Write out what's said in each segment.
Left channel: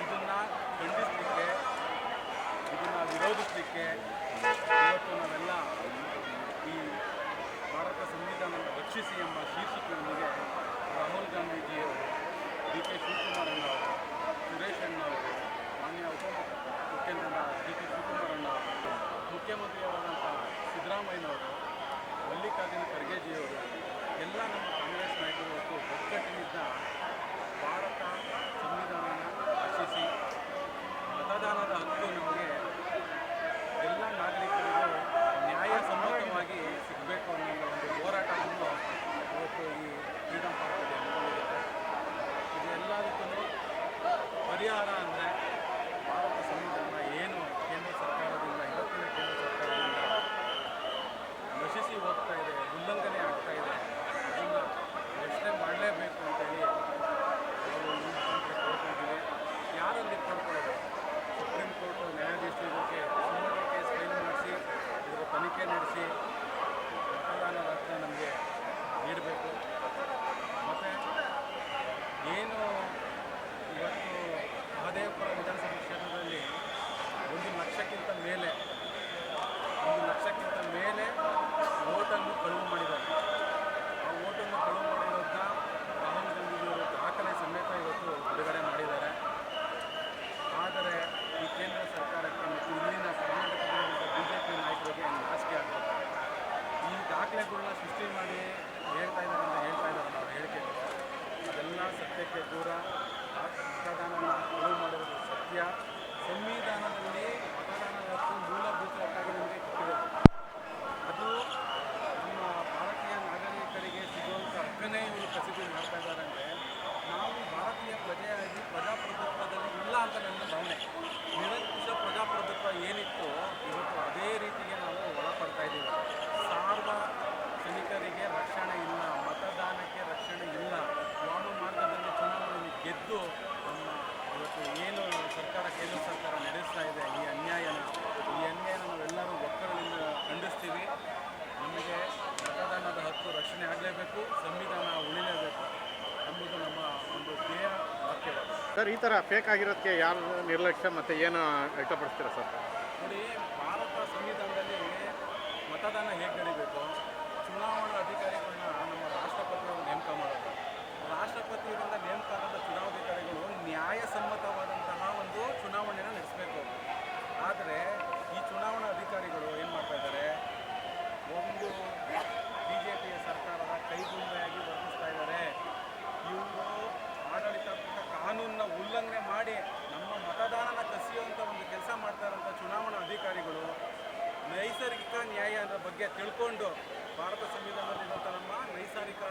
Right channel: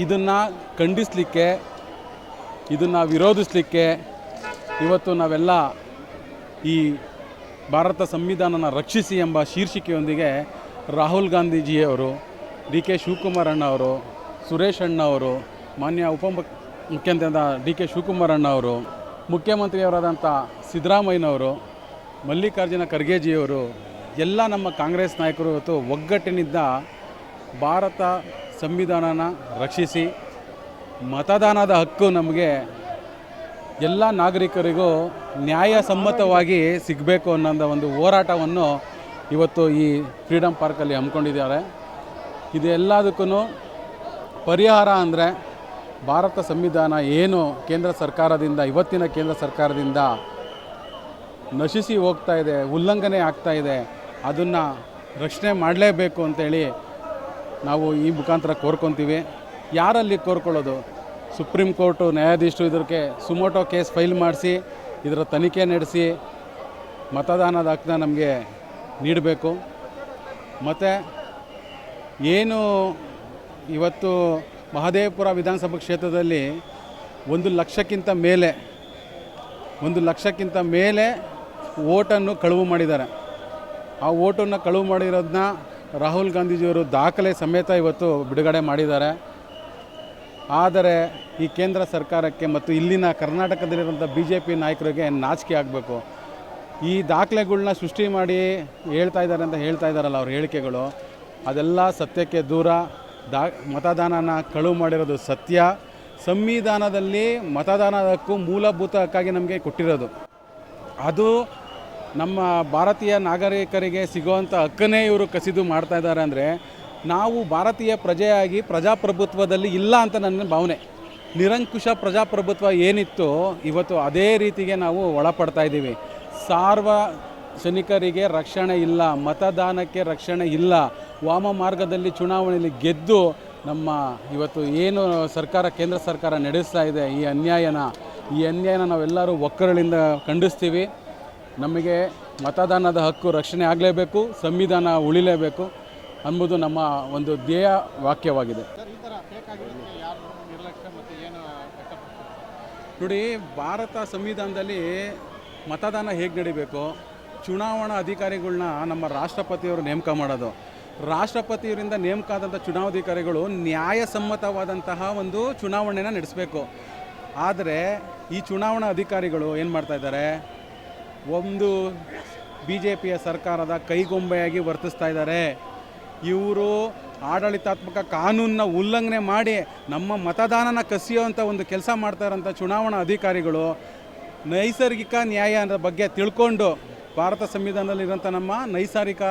ಇದನ್ನು ಖಂಡಿಸಲಿಕ್ಕೆ, ಇದನ್ನು ವಿರೋಧಿಸಲಿಕ್ಕೆ ಇವತ್ತು ನಾವೆಲ್ಲ ಈ ಭಾರತ ಸಂವಿಧಾನನ ರಕ್ಷಿಸಿ ಎಂಬ ಶೀರ್ಷಿಕೆಯೊಂದಿಗೆ ರಾಹುಲ್ ಗಾಂಧೀಜಿಯವರು, ಡಿ ಕೆ ಶಿವಕುಮಾರ್ ಅಣ್ಣವರು, ಸುರೇಶ್ ಅಣ್ಣವರು, ಮಾನ್ಯ ಮುಖ್ಯಮಂತ್ರಿಯಾದ ಡಿ ಕೆ ಶಿವಕುಮಾರ್ ಅಣ್ಣವರು, ಮುಖ್ಯಮಂತ್ರಿಯವರಾದಂಥ ಸಿದ್ದರಾಮಯ್ಯನವರು, ಮಲ್ಲಿಕಾರ್ಜುನ ಖರ್ಗೆಜಿಯವರು, ಎಲ್ಲ ನಮ್ಮ ಕಾಂಗ್ರೆಸ್ ನಾಯಕರು ಇವತ್ತು ಒಗ್ಗಟ್ಟಿನಿಂದ ಭಾರತ ಸಂವಿಧಾನನ ರಕ್ಷಿಸಿ ಮತದಾನದ ಹಕ್ಕು ನಮಗೆ ಎಲ್ಲ ನಾಗರಿಕರಿಗೂ ನ್ಯಾಯಸಮ್ಮತವಾಗಿ ಸಿಗಬೇಕು ಅನ್ನೋ ಒಂದು ಹೋರಾಟವನ್ನು ಇವತ್ತು ಈ ಫ್ರೀಡಮ್ ಪಾರ್ಕಲ್ಲಿ ಹಮ್ಮಿಕೊಂಡಿದ್ದಾರೆ. ಇದೆಲ್ಲದಕ್ಕೂ ಪರಿಹಾರ ಅಂದರೆ ಭಾರತ ಸಂವಿಧಾನ ಏನು ಕೇಂದ್ರ ಸರ್ಕಾರದಿಂದ, ಇವತ್ತಿನ ಕೇಂದ್ರ ಸರ್ಕಾರದಿಂದ ನಶಿಸಿ ಹೋಗ್ತಾ ಇದೆ, ಉಲ್ಲಂಘನೆ ಆಗ್ತಾ ಇದೆ, ಅದನ್ನು ರಕ್ಷಣೆ ಮಾಡಲೇಬೇಕು ಅಂತೇಳಿ ನಾವು ಈ ಮುಖಾಂತರ ಕೋರ್ಕೊತೀವಿ. ಯಾರಲ್ಲಿ ಕೋರ್ಕೊಳ್ಳೋದು? ಸುಪ್ರೀಂ ಕೋರ್ಟು ನ್ಯಾಯಾಧೀಶರು ಇದಕ್ಕೆ ಸುಮೋಟೋ ಕೇಸ್ ಫೈಲ್ ಮಾಡಿಸಿ ಇದರ ತನಿಖೆ ನಡೆಸಿ ಮತದಾನದ ಹಕ್ಕನ್ನ ನಮಗೆ ನೀಡಬೇಕು. ಮತ್ತು ಏನು ಇವತ್ತು ಮಹದೇವಪುರ ವಿಧಾನಸಭಾ ಕ್ಷೇತ್ರದಲ್ಲಿ 1 ಲಕ್ಷಕ್ಕಿಂತ ಮೇಲೆ ಓಟನ್ನು ಕಳುವು ಮಾಡಿದ್ದಾರೆ. ಆ ಓಟನ್ನು ಕಳುವು ಮಾಡಿರೋದನ್ನ ರಾಹುಲ್ ಗಾಂಧೀಜಿಯವರು ದಾಖಲೆ ಸಮೇತ ಇವತ್ತು ಬಿಡುಗಡೆ ಮಾಡಿದ್ದಾರೆ. ಆದರೆ ಈ ಕೇಂದ್ರ ಸರ್ಕಾರಕ್ಕೆ ಮತ್ತು ಇಲ್ಲಿನ ಕರ್ನಾಟಕದಲ್ಲಿರುವಂಥ BJP ನಾಯಕರಿಗೆ ನಾಚಿಕೆ ಆಗಬೇಕು. ಈ ದಾಖಲೆಗಳನ್ನ ಸೃಷ್ಟಿ ಮಾಡಿ ಹೇಳ್ತಾ ಇದ್ದಾರಲ್ಲ ಅವ್ರ ಹೇಳಿಕೆಗಳು, ಅದೆಲ್ಲ ಸತ್ಯಕ್ಕೆ ದೂರ. ಮತದಾನನ ಕಳುವು ಮಾಡಿರೋದು ಸತ್ಯ. ಸಂವಿಧಾನದಲ್ಲಿ ಮತದಾನದ ಹಕ್ಕು ಮೂಲಭೂತ ಹಕ್ಕಾಗಿ ನಮಗೆ ಕೊಟ್ಟಿರೋದು. ಅದು ನಮ್ಮ ಭಾರತೀಯ ನಾಗರಿಕರಿಗೆ ಸಿಗುವಂಥ ಹಕ್ಕನ್ನೇ ಇವರು ಕಸಿದು ಮಾಡ್ತಾ ಇದ್ದಾರೆ. ಅಂದರೆ ನಾವು ಭಾರತೀಯ ಪ್ರಜೆಯಾಗಿ ಪ್ರಜಾಪ್ರಭುತ್ವದಲ್ಲಿ ಇಲ್ಲ ಅಂತ ನನ್ನ ಭಾವನೆ. ನಿರಂಕುಶ ಪ್ರಜಾಪ್ರಭುತ್ವ ಏನಿತ್ತು ಇವತ್ತು ಅದೇ ರೀತಿಗೆ ನಾವು ಒಳಪಡ್ತಾ ಇದ್ದೀವಿ. ಸಾರ್ವಜನಿಕರಿಗೆ ರಕ್ಷಣೆ ಇಲ್ಲ, ಮತದಾನಕ್ಕೆ ರಕ್ಷಣೆ ಇಲ್ಲ. ವಾಮ ಮಾರ್ಗದಲ್ಲಿ ಚುನಾವಣೆಯಲ್ಲಿ ಗೆದ್ದು ನಮ್ಮ ಇವತ್ತು ಏನು ಸರ್ಕಾರ, ಕೇಂದ್ರ ಸರ್ಕಾರ ನಡೆಸ್ತಾ ಇದೆ ಈ ಅನ್ಯಾಯನ ನಾವೆಲ್ಲರೂ ಒಕ್ಕರಳಿಂದ ಖಂಡಿಸ್ತೀವಿ. ನಮಗೆ ಮತದಾನದ ಹಕ್ಕು ರಕ್ಷಣೆ ಆಗಲೇಬೇಕು, ಸಂವಿಧಾನ ಉಳಿಲೇಬೇಕು ಎಂಬುದು ನಮ್ಮ ಒಂದು ಧ್ಯೇಯ ವಾಕ್ಯವಾಗಿದೆ. ಸರ್, ಈ ಥರ ಫೇಕ್ ಆಗಿರೋದಕ್ಕೆ ಯಾರು ನಿರ್ಲಕ್ಷ್ಯ ಮತ್ತು ಏನು ವ್ಯಕ್ತಪಡಿಸ್ತೀರಾ ಸರ್? ನೋಡಿ, ಭಾರತ ಸಂವಿಧಾನದಲ್ಲಿ ಮತದಾನ ಹೇಗೆ ನಡೀಬೇಕು, ಚುನಾವಣಾ ಅಧಿಕಾರಿಗಳನ್ನ ನಮ್ಮ ರಾಷ್ಟ್ರಪತಿಯವರು ನೇಮಕ ಮಾಡೋದು. ರಾಷ್ಟ್ರಪತಿಯವರಿಂದ ನೇಮಕ ಆದಂಥ ಚುನಾವಣಾಧಿಕಾರಿಗಳು ನ್ಯಾಯಸಮ್ಮತವಾದಂತಹ ಒಂದು ಚುನಾವಣೆನ ನಡೆಸಬೇಕು. ಆದರೆ ಈ ಚುನಾವಣಾ ಅಧಿಕಾರಿಗಳು ಏನು ಮಾಡ್ತಾಯಿದ್ದಾರೆ, ಒಂದು BJPಯ ಸರ್ಕಾರದ ಕೈಗೊಂಬೆಯಾಗಿ ವರ್ತಿಸ್ತಾ ಇದ್ದಾರೆ. ಇವರು ಆಡಳಿತಾತ್ಮಕ ಕಾನೂನನ್ನ ಉಲ್ಲಂಘನೆ ಮಾಡಿ ನಮ್ಮ ಮತದಾನನ ಕಸಿಯುವಂಥ ಒಂದು ಕೆಲಸ ಮಾಡ್ತಾರಂಥ ಚುನಾವಣಾ ಅಧಿಕಾರಿಗಳು ನೈಸರ್ಗಿಕ ನ್ಯಾಯ ಅನ್ನೋ ಬಗ್ಗೆ ತಿಳ್ಕೊಂಡು, ಭಾರತ ಸಂವಿಧಾನದಲ್ಲಿರೋಂಥ ನಮ್ಮ ನೈಸರ್ಗಿಕ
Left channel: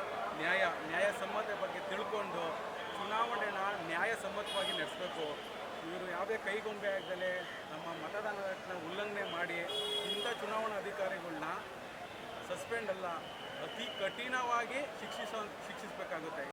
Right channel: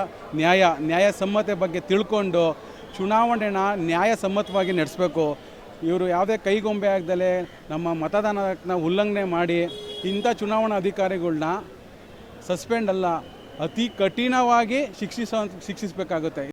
ನ್ಯಾಯಸಮ್ಮತೆ ಬಗ್ಗೆ ತಿಳ್ಕೊಂಡು ಚುನಾವಣೆನ ನ್ಯಾಯಸಮ್ಮತವಾಗಿ ನಡೆಸಬೇಕು. ಇವರು ಯಾವುದೇ ಕೈಗೊಂಬೆ ಆಗದಲೇ ನಮ್ಮ ಮತದಾನನ ಉಲ್ಲಂಘನೆ ಮಾಡಿ ಇಂಥ ಚುನಾವಣಾ ಅಧಿಕಾರಿಗಳನ್ನ ಸಸ್ಪೆಂಡ್ ಅಲ್ಲ, ಅತಿ ಕಠಿಣವಾಗಿ ಶಿಕ್ಷಿಸಬೇಕಾಗುತ್ತೆ.